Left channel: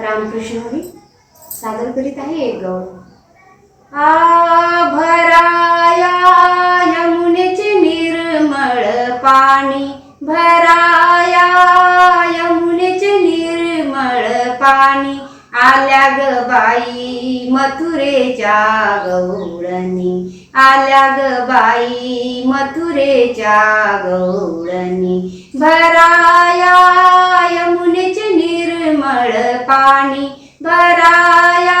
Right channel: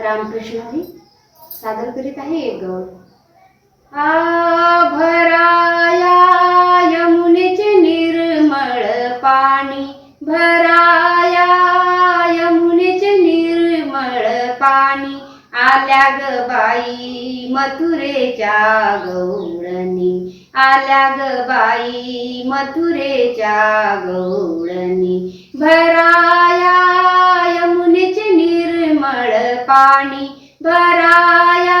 रामकृष्ण हरी सादर करीत आहे एक गौ भराया यमुनेचे निर्मळ पाणी. भराया यमुनेचे निर्मळ पाणी. आल्या ग बाई मथुरेच्या गौडणी आल्या ग बाई मथुरेच्या गौळणी भरा भराया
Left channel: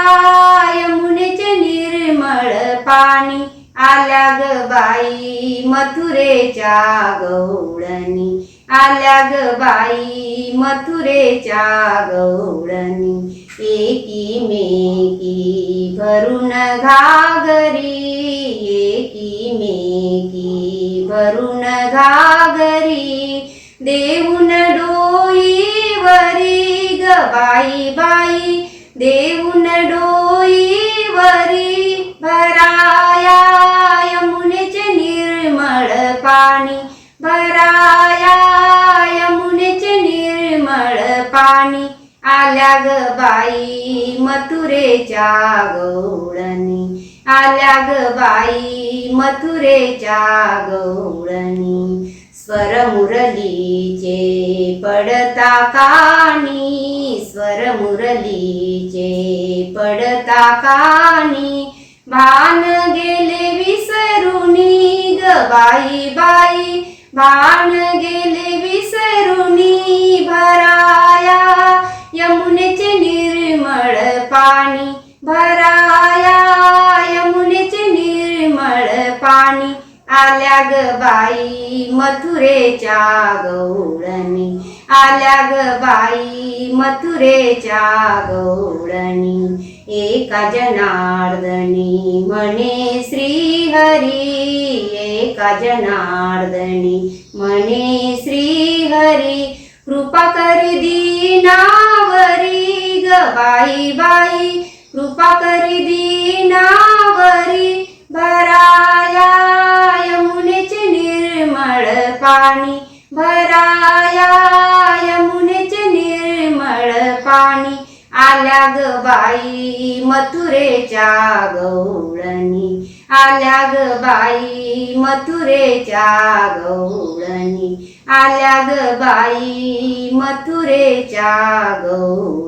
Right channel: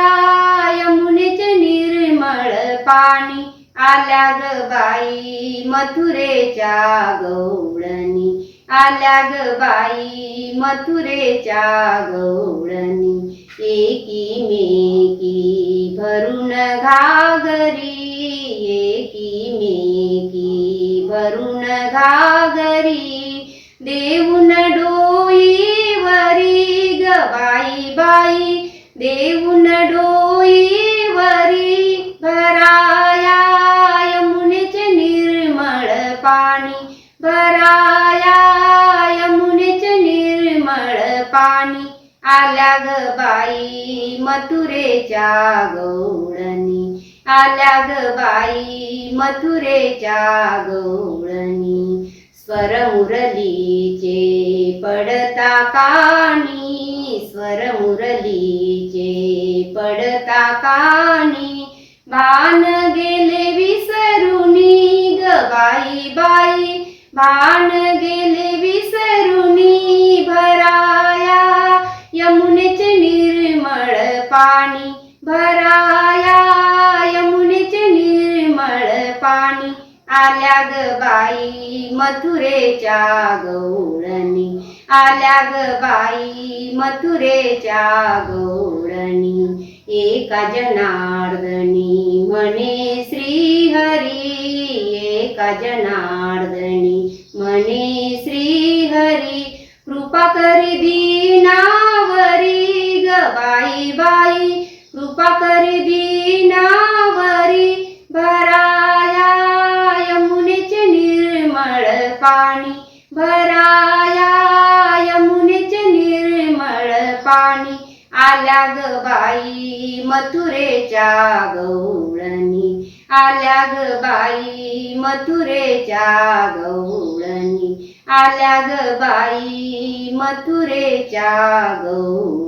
यमुनेचे निर्मळ पाणी आल्या ग बाई मथुरेच्या गौडणी. आल्या ग बाई मथुरेच्या गौडणी. एकी मेकी भरून घागरी एकी मेकी भरून घागरी. देऊन डो पाणी. भराया यमुनेचे निर्मळ पाणी. आल्या ग बाई मथुरेच्या गौळणी. आल्या ग बाई मथुरेच्या गौळणी. स्वर मुरलीचे पडता काणी. स्वर मुरलीचे पडता काणी. भान गेले बाई बाई भान गेले विसरुनी भराया. यमुनेचे निर्मळ पाणी भराया. यमुनेचे निर्मळ पाणी आल्या ग बाई मथुरेच्या गौळणी आल्या ग बाई मथुरेच्या गौळणी एका जनार्दनी म्हणे श्रीहरी एका जनार्दनी? म्हणे श्रीहरी कृपा करी दीनावरी ग बाई बाई. कृपा करी दीनावरी भराया यमुनेचे निर्मळ पाणी. भराया यमुनेचे निर्मळ पाणी. आल्या ग बाई मथुरेच्या गौळणी. आल्या ग बाई मथुरेच्या गौडणी आल्या ग बाई मथुरेच्या गौडणी